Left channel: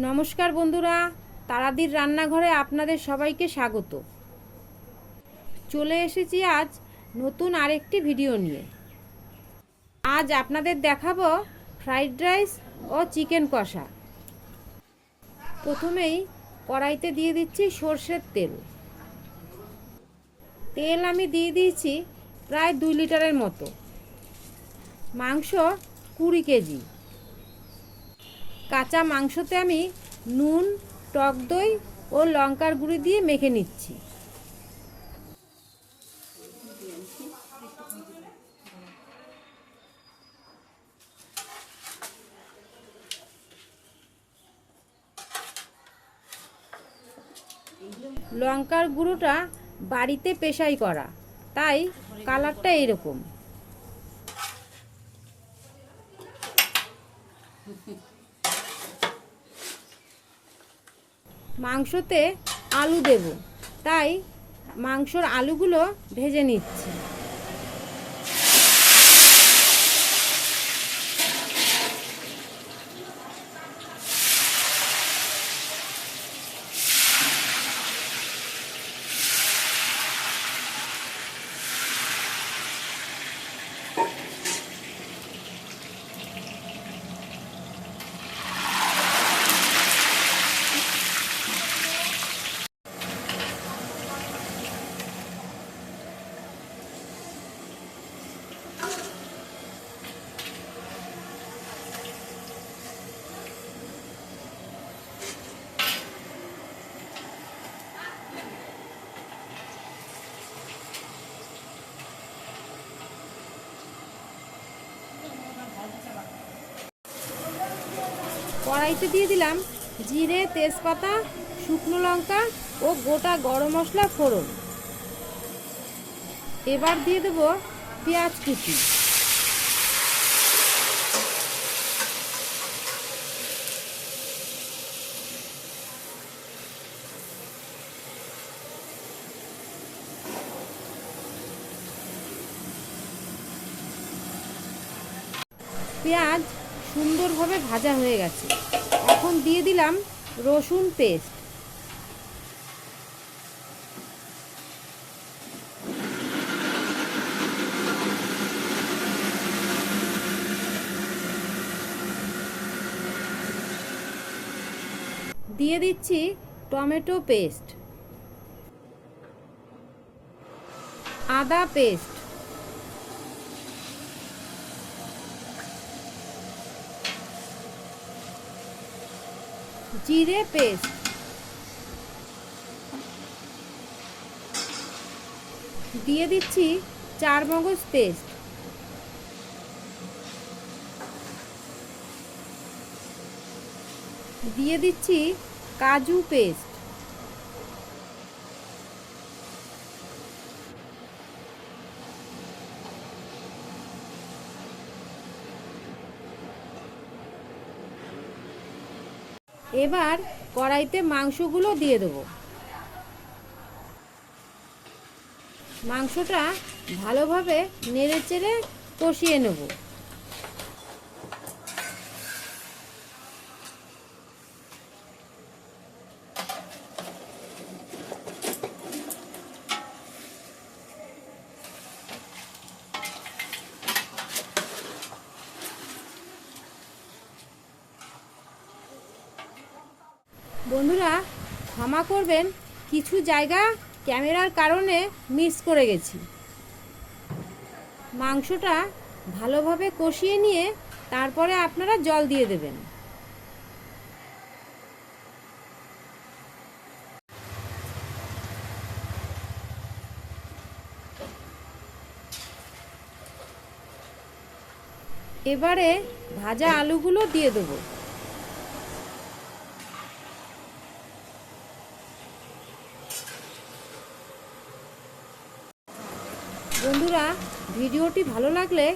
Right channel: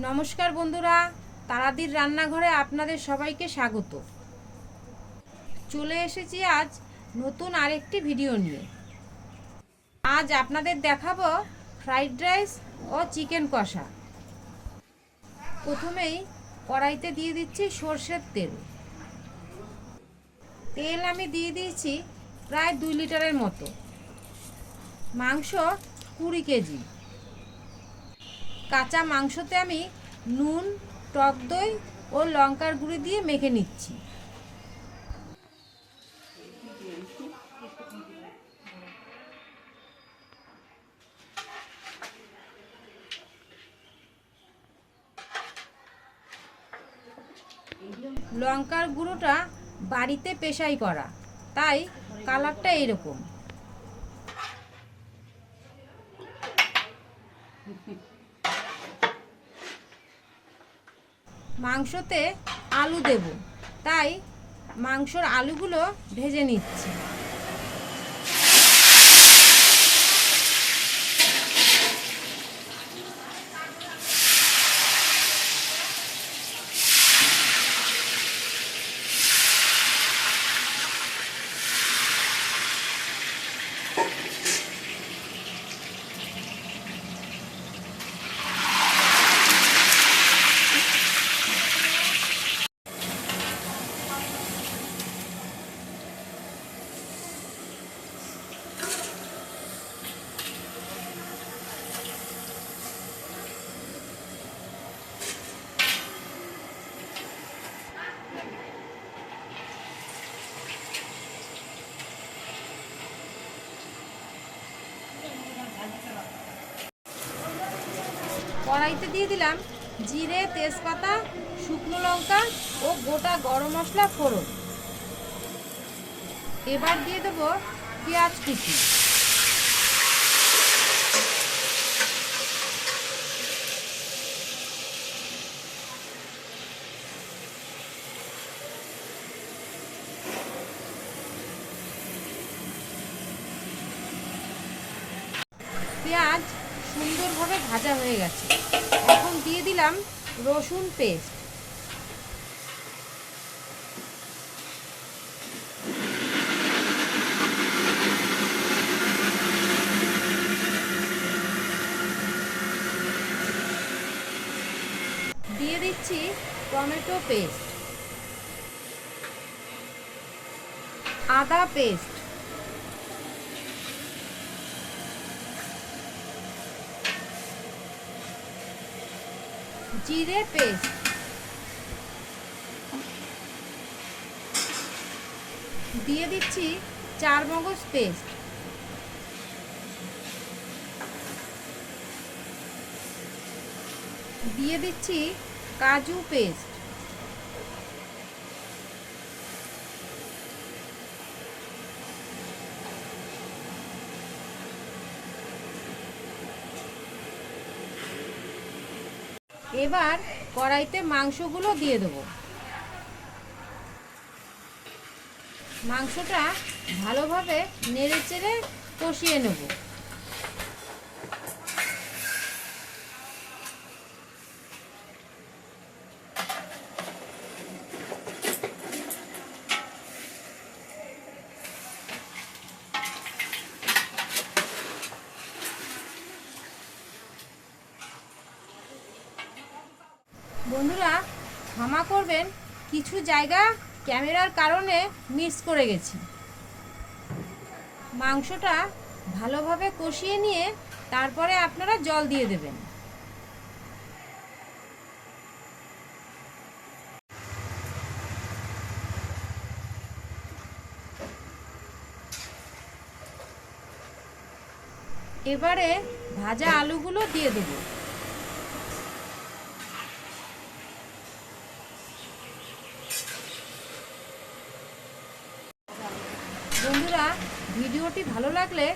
নমস্কার বন্ধুরা, তারাদির রান্নাঘরে আপনাদের সবাইকে স্বাগত। চলে এসেছি আজ নতুন আরেকটি ভিডিও নিয়ে। আজ আপনাদের দেখাবো ফ্রাইড রাইস ও চিকেন কষা। প্রথমেই কড়াইতে দিয়ে দিচ্ছি সর্ষের তেল। তেল আমি দিয়ে দিয়েছি প্রায় 2 লিটারের মতো। মাংস 20 কেজি। কাঁচা মাংসতে আমি নুন, টক দই ও লঙ্কার গুঁড়ি দিয়ে মেখে নিচ্ছি। লঙ্কার গুঁড়োটা বাড়িতে পেশাই করা, তাই কালারটা এরকম। মাংসতে আলু দেব, তাই মাংসর আলুগুলো ভেজে নিচ্ছি। কড়াইতে দিয়ে দিলাম জিরে, তেজপাতা, শুকনো লঙ্কা ও গোটা গরম মশলা ফোড়ন। এবার দিয়ে দেবো পেঁয়াজ কুচি। পেঁয়াজ সুন্দরভাবে ভাজা হয়ে গেছে। এখন দিয়ে দিলাম রসুন পেস্ট। দিয়ে দিচ্ছি টমেটো পেস্ট, আদা পেস্ট, জিরে পেস্ট, দিয়ে দিচ্ছি চারমগজ পেস্ট, দিয়ে দিচ্ছি কাজু পেস্ট, এবার কড়াইতে মাংসগুলো দিয়ে দেবো। মাংসটা ভালোভাবে নেড়েচেড়ে কষিয়ে নেব। বন্ধুরা, ক্ষমা করবেন, কিছু জায়গা ক্যামেরার কারণে মিস করে গেছি। মাংসটা ভালোভাবে কষিয়ে নিয়ে তারপরে আপনারা জল দিয়ে দেবেন। এবারে ভাজা আলুগুলো দিয়ে দেবো। বন্ধুরা, ভিডিওটি ভালো লাগলে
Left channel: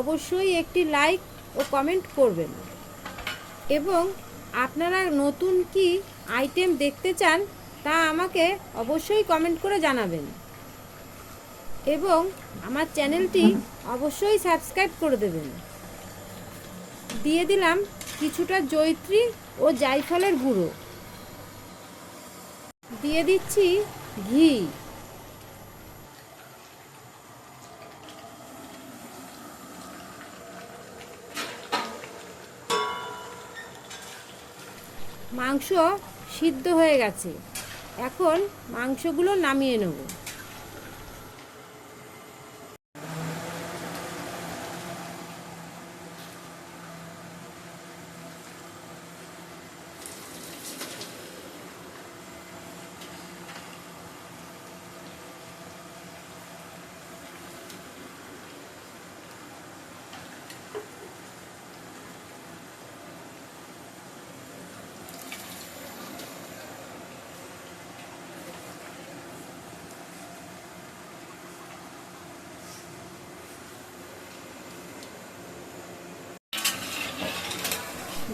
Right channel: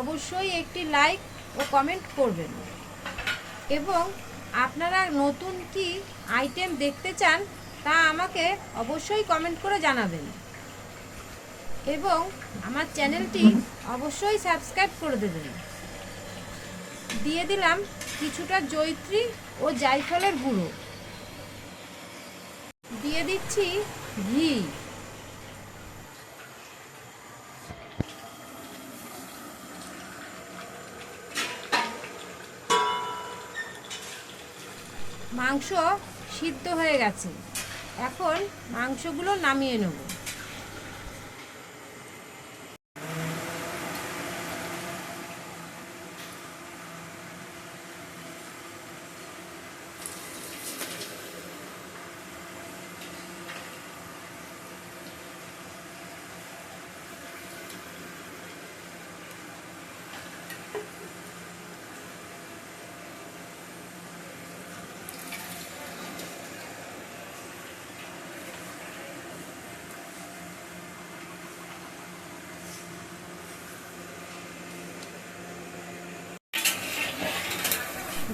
অবশ্যই একটি লাইক ও কমেন্ট করবেন, এবং আপনারা নতুন কি আইটেম দেখতে চান তা আমাকে অবশ্যই কমেন্ট করে জানাবেন, এবং আমার চ্যানেলটি অবশ্যই সাবস্ক্রাইব করে দেবেন। দিয়ে দিলাম কিছুটা জয়িত্রী ও জায়ফলের গুঁড়ো। দিয়ে দিচ্ছি ঘি। মাংস সিদ্ধ হয়ে গেছে, এখন মাংসগুলো নামিয়ে নেব।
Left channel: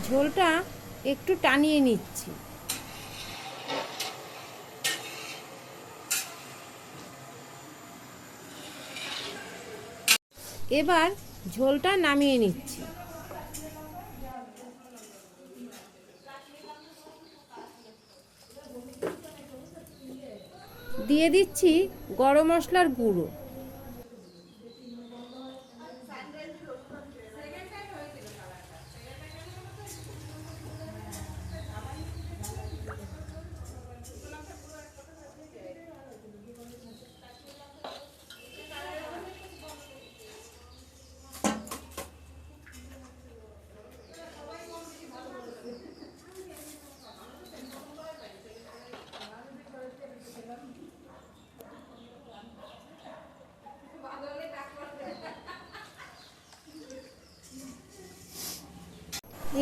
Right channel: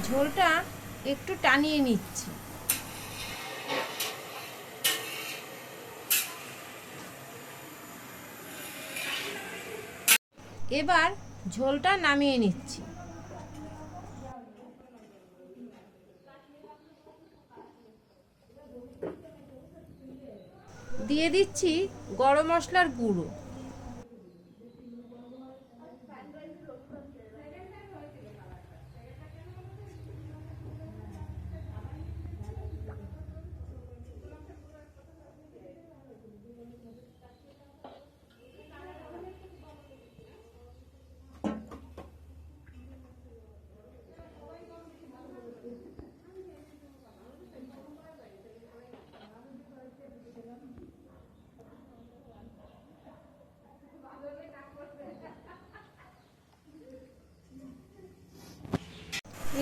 ঝোলটা একটু টানিয়ে নিচ্ছি। এবার ঝোলটা নামিয়ে নিচ্ছি। দিয়ে দিচ্ছি গরম মশলার গুঁড়ো।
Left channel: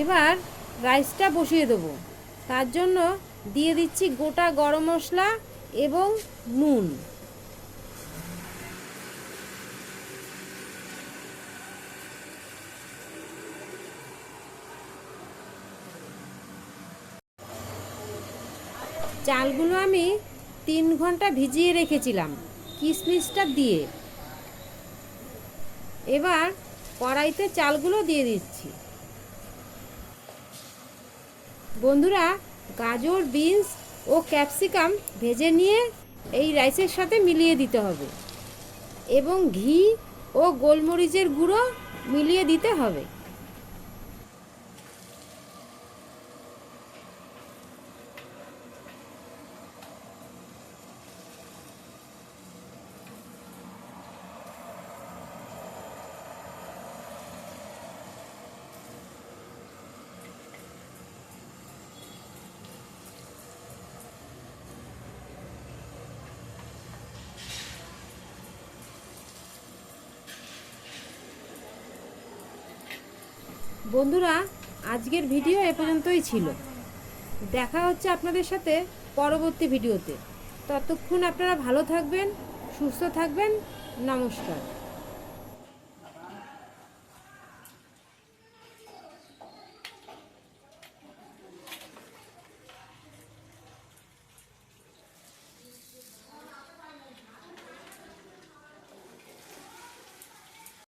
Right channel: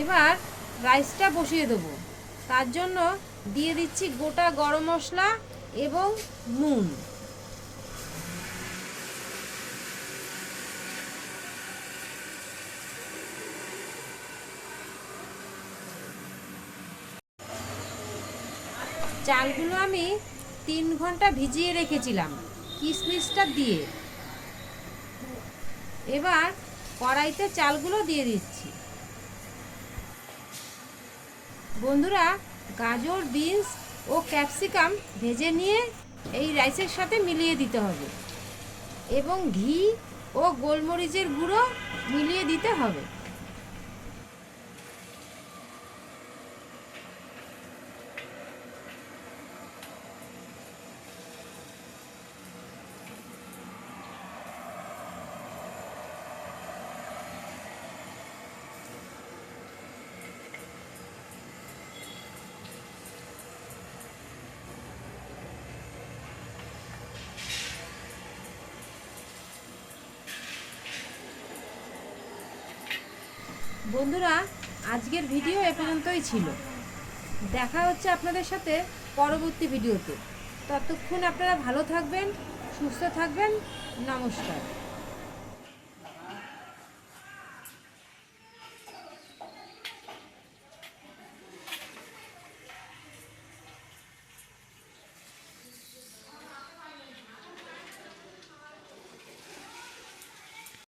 এবার রাইসটা বসিয়ে দেবো। তার জন্য দিয়ে দিচ্ছি গোটা গরম মশলা এবং নুন। চালগুলো আমি 3 ঘন্টা ভিজিয়ে রেখেছিলাম কিশমিশটা দিয়ে। এবার কড়াইতে চালগুলো দিয়ে দিচ্ছি। বন্ধুরা, গাজর, বিনস ও ক্যাপসিকাম ভেজে নিয়ে এই রাইসের সাথে মিলিয়ে দিতে হবে এবং ঘি ও গোলমরিচের গুঁড়ো মিলিয়ে দিতে হবে। বন্ধুরা, আজকের ভিডিও এ পর্যন্তই ছিল। দেখা হচ্ছে আপনাদের সাথে পরবর্তী ভিডিওতে। ততক্ষণ আপনারা ভালো থাকবেন, সুস্থ থাকবেন। নমস্কার।